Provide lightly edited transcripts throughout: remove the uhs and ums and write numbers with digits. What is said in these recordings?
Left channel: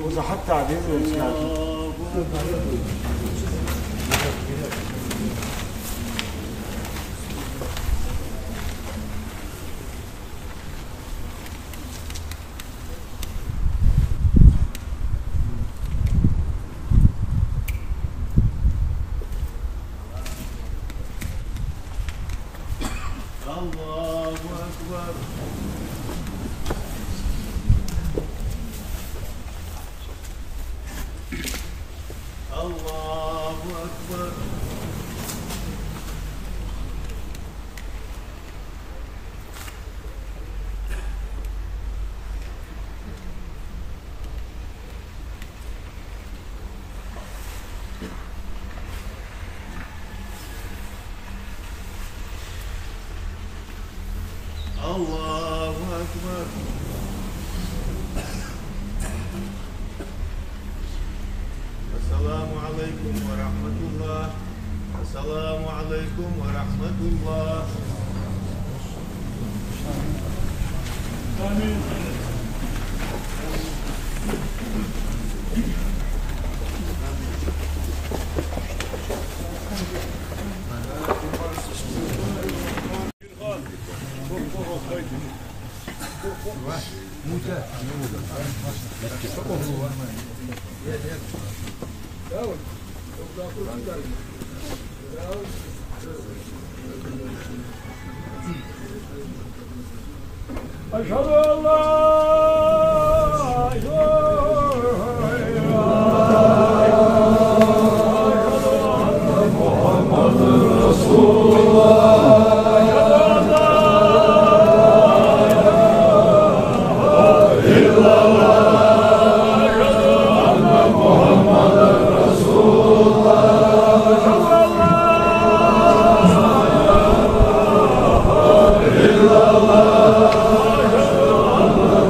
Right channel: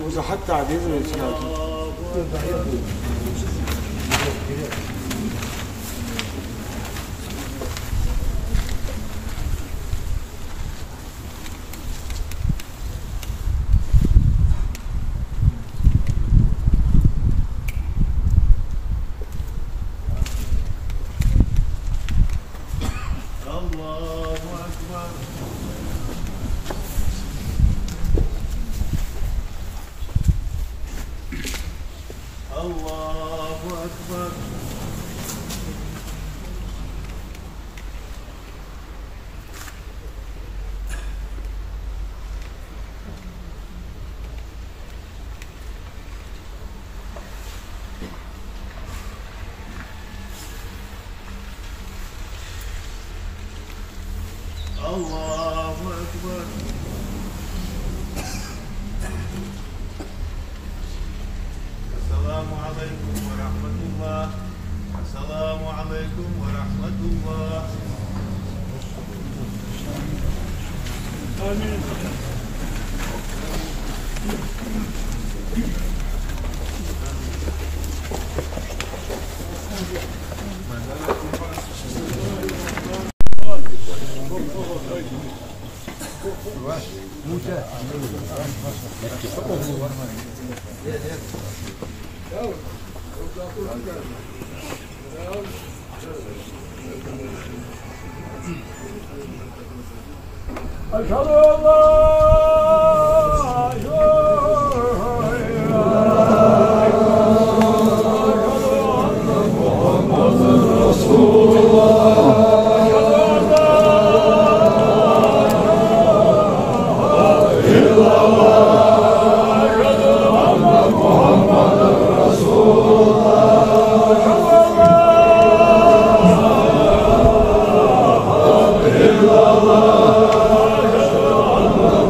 وإذا حتى عديد الله أكبر. السلام عليكم ورحمة الله. السلام عليكم ورحمة الله. آمين. أشهد أن لا Allah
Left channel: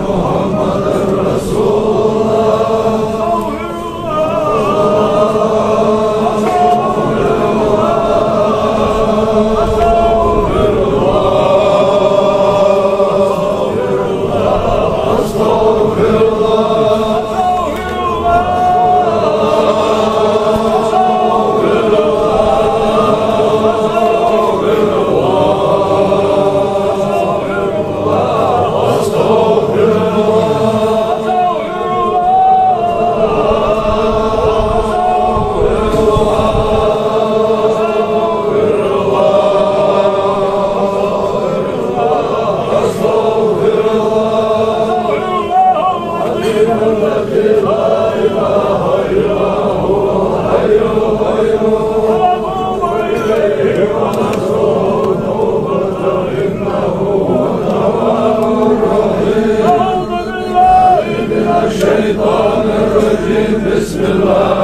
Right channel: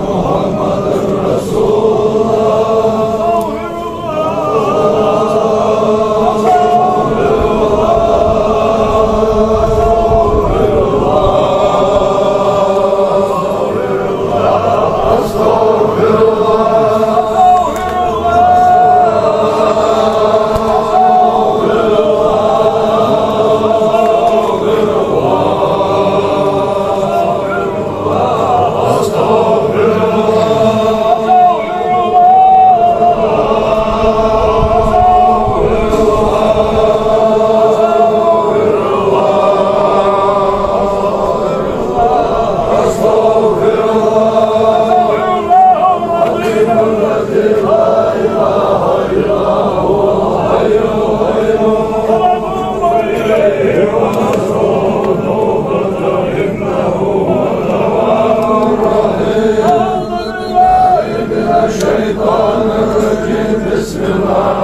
La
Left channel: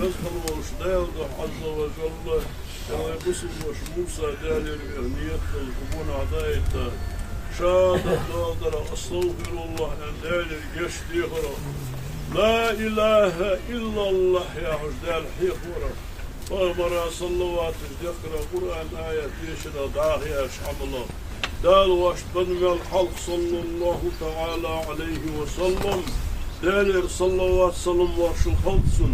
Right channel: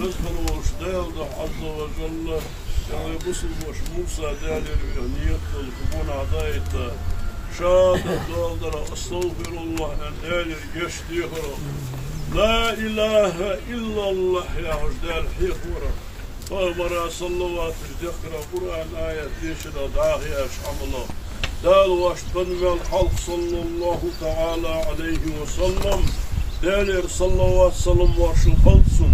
رزقا واشتيلده عز وجل يعني بسم وش موسى دالي نية القبون عدايته شهادة دولدر أستغفر الله دالي يشتيخر لا إله إلا الله يا عجدال حيخورا فأمر صلوات الجقر قرآن آية يشرى داهي أشعم الله دال واشتنم الحلق صلى الله تعالى عليه وسلم دالير صلوات سلم وارش الخلصن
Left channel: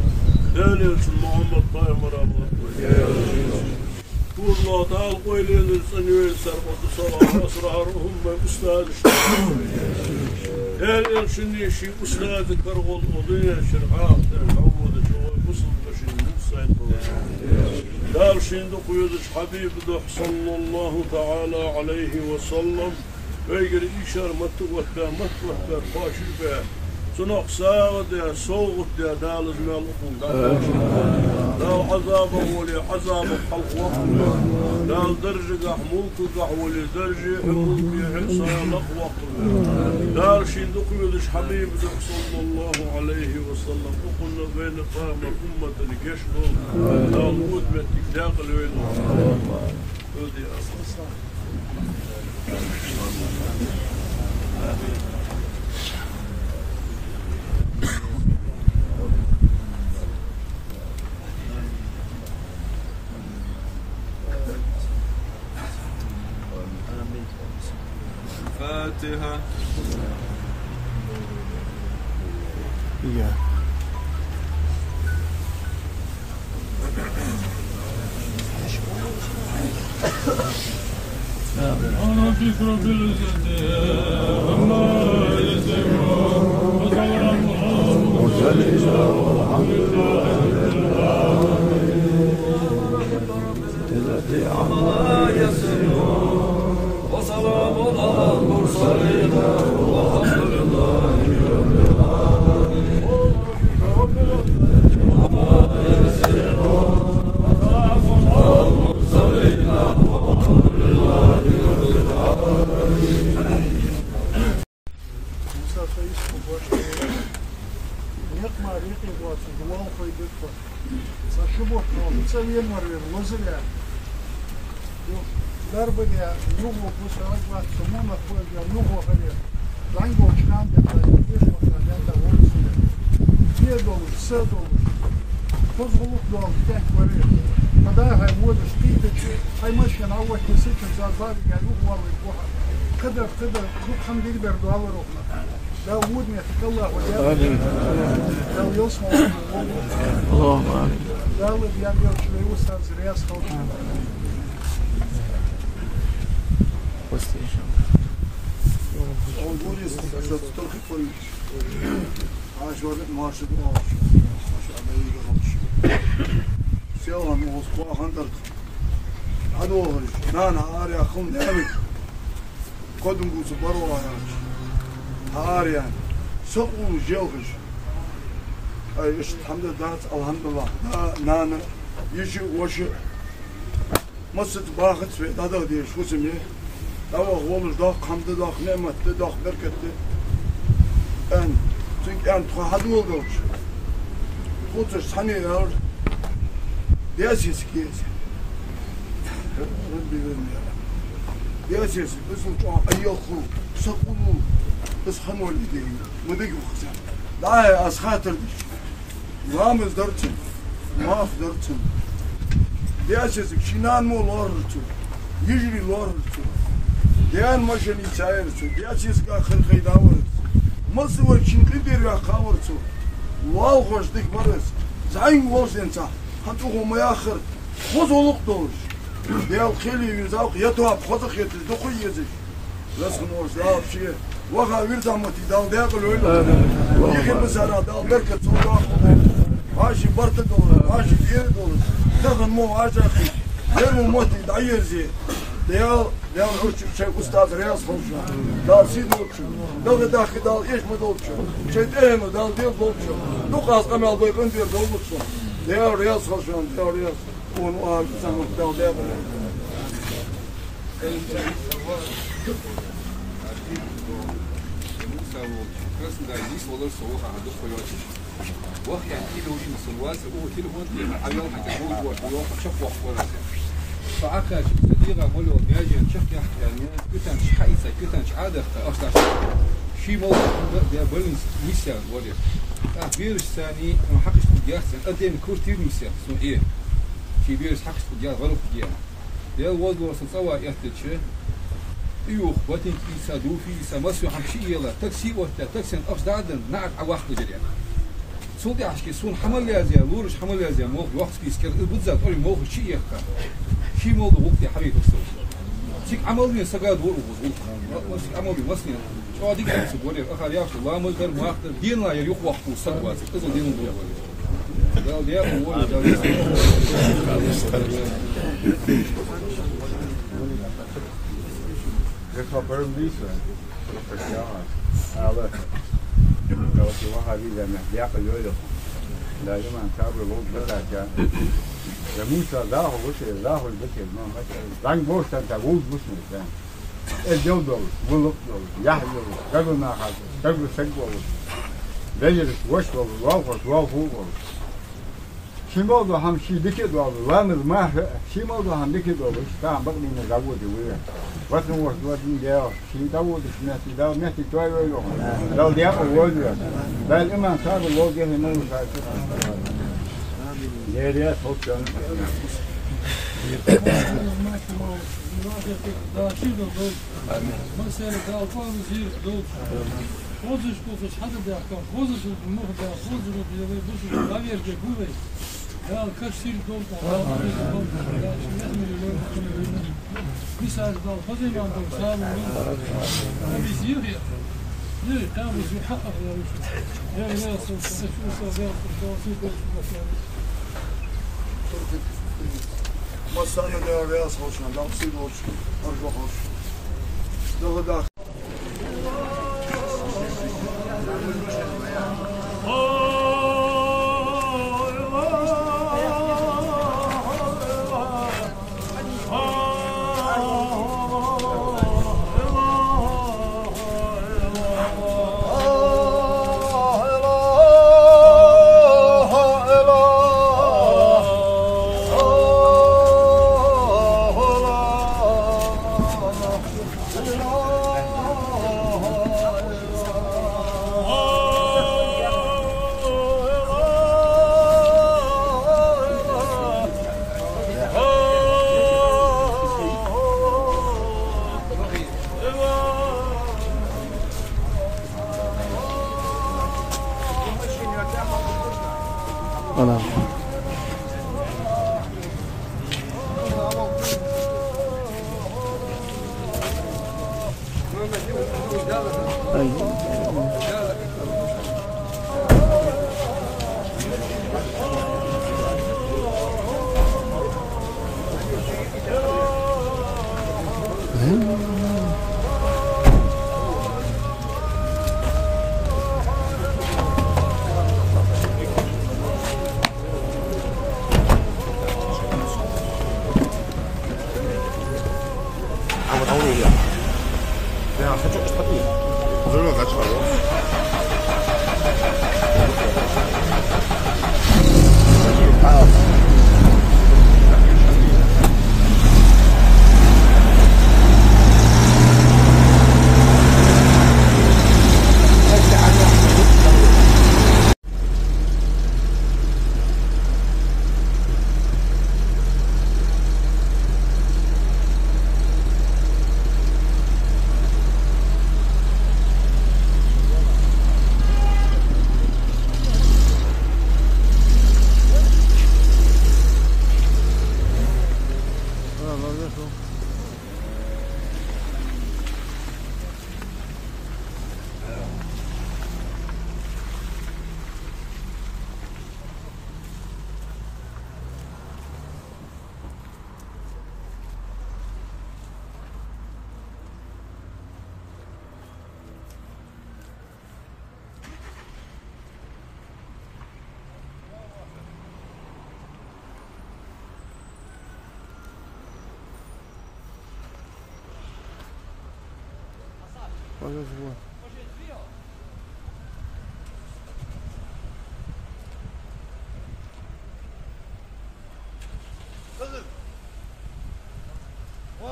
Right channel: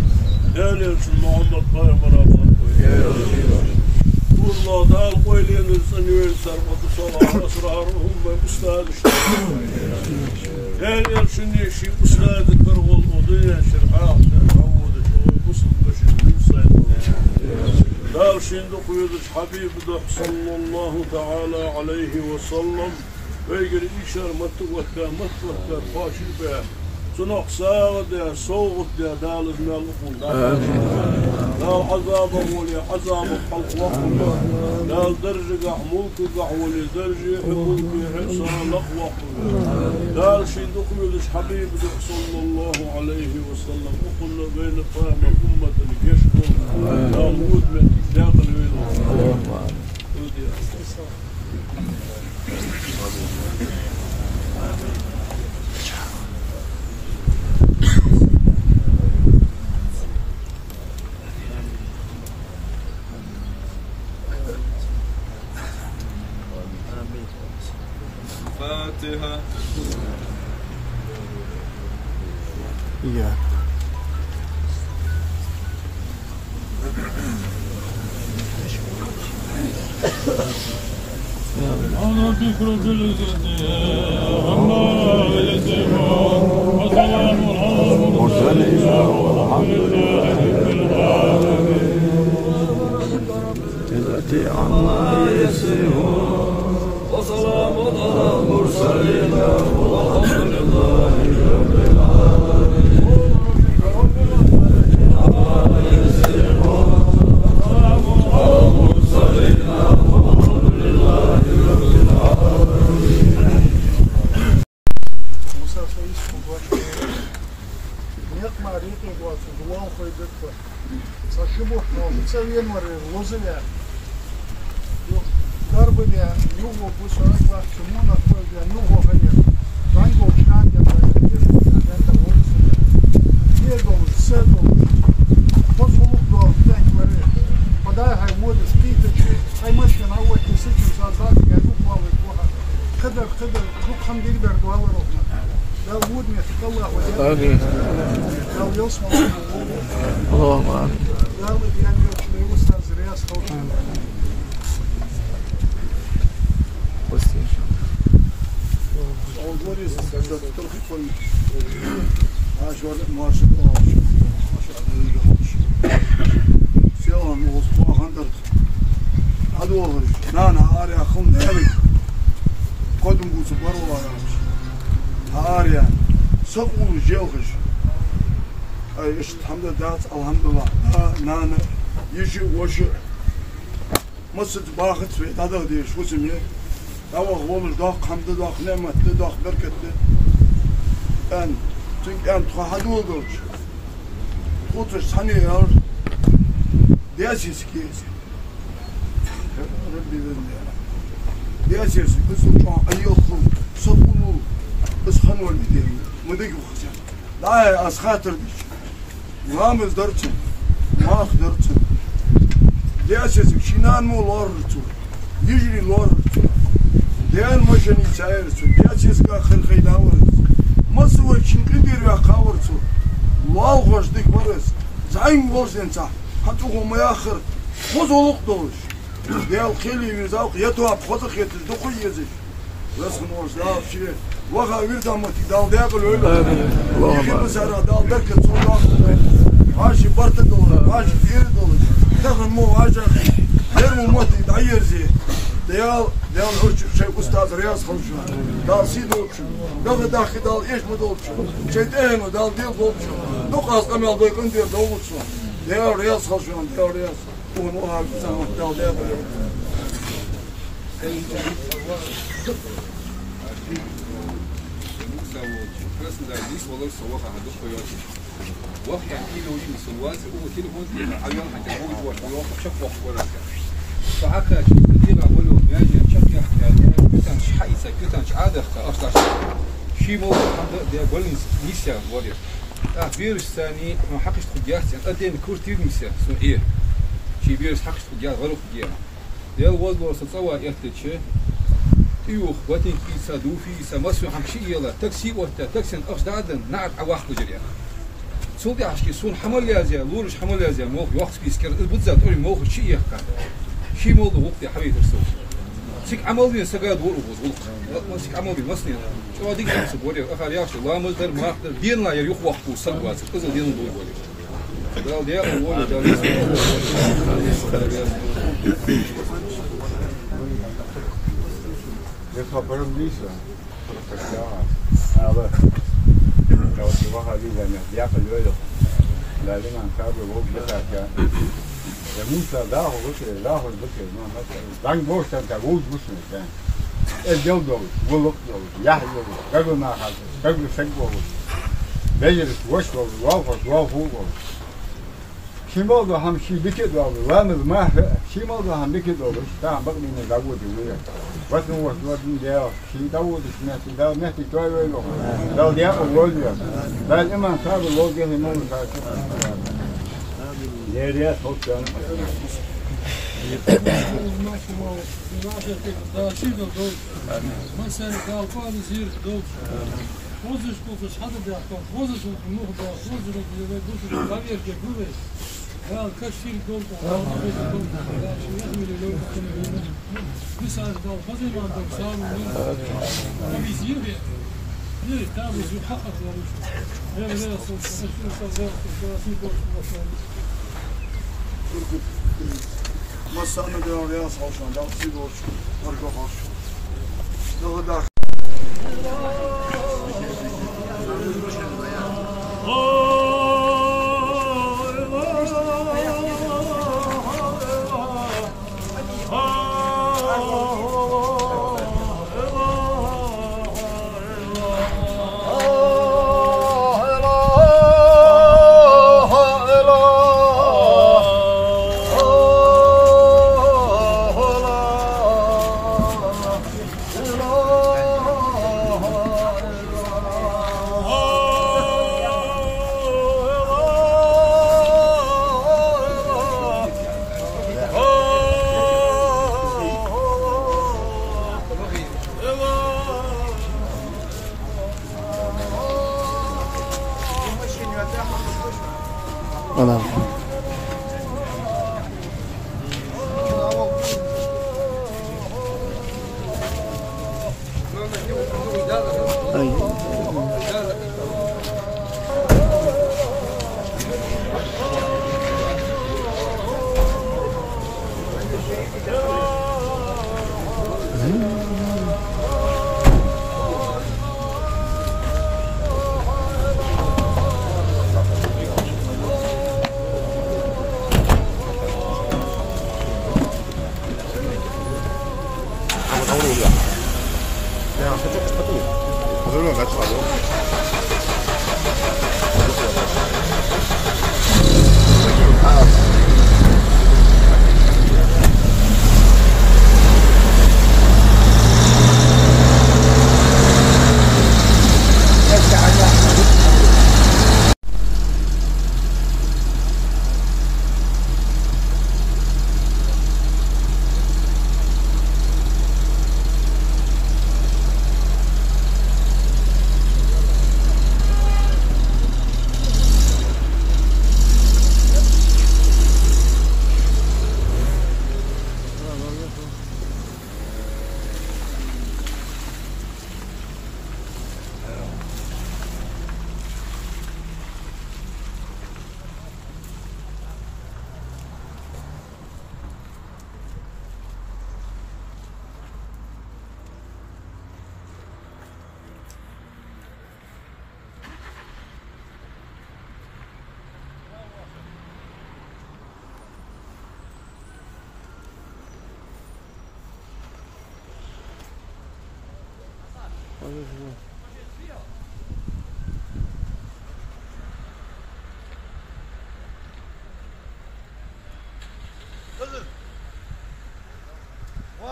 دالير محمد طيب رابط الله دال قويلين الزنوين سربط صلاة أسرارهم أستاذ دالير شنيشي أستاذ كرغل ودنيا شرعات تعود شوي بصل بشي موسى دال شندق يدش حبيب دح صلى الله تعالى عليه وسلم ويقر إيشار متوكا فاشل به سنق ساغد يا صوغد يا دال زمال أقول دال عذابه ولي عذاب الحلق وقل دال درجة ملك ولي درجة ملك حسان وقل دال شندق يدش حبيب دح صلى الله عليه وسلم وقلنا بين فهم الأمة الجشغل دال مدمة داخل ويلو فاتحة أنا ذكر بالجد وما يسمع وسلام على المرسلين والحمد لله رب العالمين عما يسمع وسلام على المرسلين والحمد لله رب العالمين عما يسمع وسلام على المرسلين والحمد لله رب العالمين. موسى سيس مباشر نيقما ريقي بواتي الله خيدك ساشبوح نوم تسوين ورير وزليا ضربني نوغو بوسوك وقت سمونا خوزيا نوغو هليا رانغو شنان يتا يجيشو يتا ورسليا يدولش سيدولش فوزغلوك دول تانك ورير فداي هاي وودش قيتك هاي ماشين اول كيسيكن زازاك يا نوغو ويقوها قدر روك خمدي بردو على روحنا لا وود ميتك الله وياك لا يوصل الله أكبر لا ود ينقل شوي وستاذ رياض خوشي قدم بوس بروا ياش هاريان سقول جوخش اي اش الحمد لله الحمد لله نانا يجي وش مست باخت في هذا دي شو سميه دوا غولش داق حمد داق نعمت داق بركت ان تنك ان تخدو دوش خوتش ثاني يار دياسيس كيس ربي بالله دياسيس بس وجع ايوخو سقولو بس خنوا اللي دي مدق وخزان لا اسخاطر بيش رامز درتن ما قدرتن دياسيس شينان مو لورتو يجري لورتو ديان ماشين يسايرتو دياسيس اخر خيداور مسوي شنقدير يا خاورتو واو غش ديك مرس زين وش انت حتو ما اخر خذوا دوش ديال خيلي يزاق يتواب خذ خيت دقي يزش رسم وش لا شيء وغا ويردا متي دال داخل ويلو يخي بزرا دال بركه صودا ماشي برت دول ماشي دير دول تاخذ مو حاجه يرمو موتي داير زي ديال شيء استاذ رياض خوشو دال سيدو دال داخل دال ايش مدوب شيء دال ديال دوب نقاس كمال ديكن ديال دوب ديال رياض خوشو ديال رياض ونوار زمان دال ديال Красный, да, здесь волос, солоха, а дух поет. وقت يعني كيلو يمس الواز هو تليفون عيون حتى هو شق وقت ولا فعكا كثيرا ولو ناجي شق يعني كتن حيسة كتن عادة أصلا شيء موضوع حمد ده بلنس نيسا ورير بيرس ثاني ما حقش تخديات يعني أدين كورتير نيسا سون إيه شيء بيرس حقش تخديات غلو خديات ده الوضع وصلوا يحتاج يوخ واتين كيسا دوفي سماسو حمشي يلا تاكسي وتا تاكسي أفضل نعت عواق بجريان صوبي عشكي صون حمل يازيا لورش حمل يازيا موخ وقت بيسكر البتزات أولي موخ شيء يحكى شيء موضوع وقت يا حبيبي الصوت سيك عمل بين سجاد ورقص ما سيك عمل بين مصنع شو هذيك نفسه بوري أخر يعرف الله مصدر مهاتر دين لا يروح وقته سلواز كذا دين بوري ده ده هو ده Defa permisa profesional. Ahora, لو تبغى هذه المهدية فاليوم لازم نتابع وقت بتاعك. موسى ده هو بس ده هو بس ما مثلا. دان بوش تنتظر بوش مثلا. اليوم ده ولق ده يحيى ده قبل ما خلاص قبل سجوا بيجلس وش وافق شي موضوع هم شي بكت وامز ما شي موضوع هم بكت وش تاع بقى من داود وياه وقت وقت ده شي داود سمعتي ده مهتي توي ويلو لو ده أول يوم بعد إما صار الوضع هنا وصار يا صوت كان Hoziš koliko sada da kao hoziš u moh da hoziš u bile busu da vjerje guve. Ja kad sir dol ko da ja mi le lo ko ne misal dol hozim am dol sal no bizir ya. Ne tam bizi حقق ya şu. Ya ne olsun şu sabah dol مسألة ده رياض حوشان ده مصير وش أرجع حوش ده ده أنا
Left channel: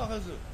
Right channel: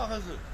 Probably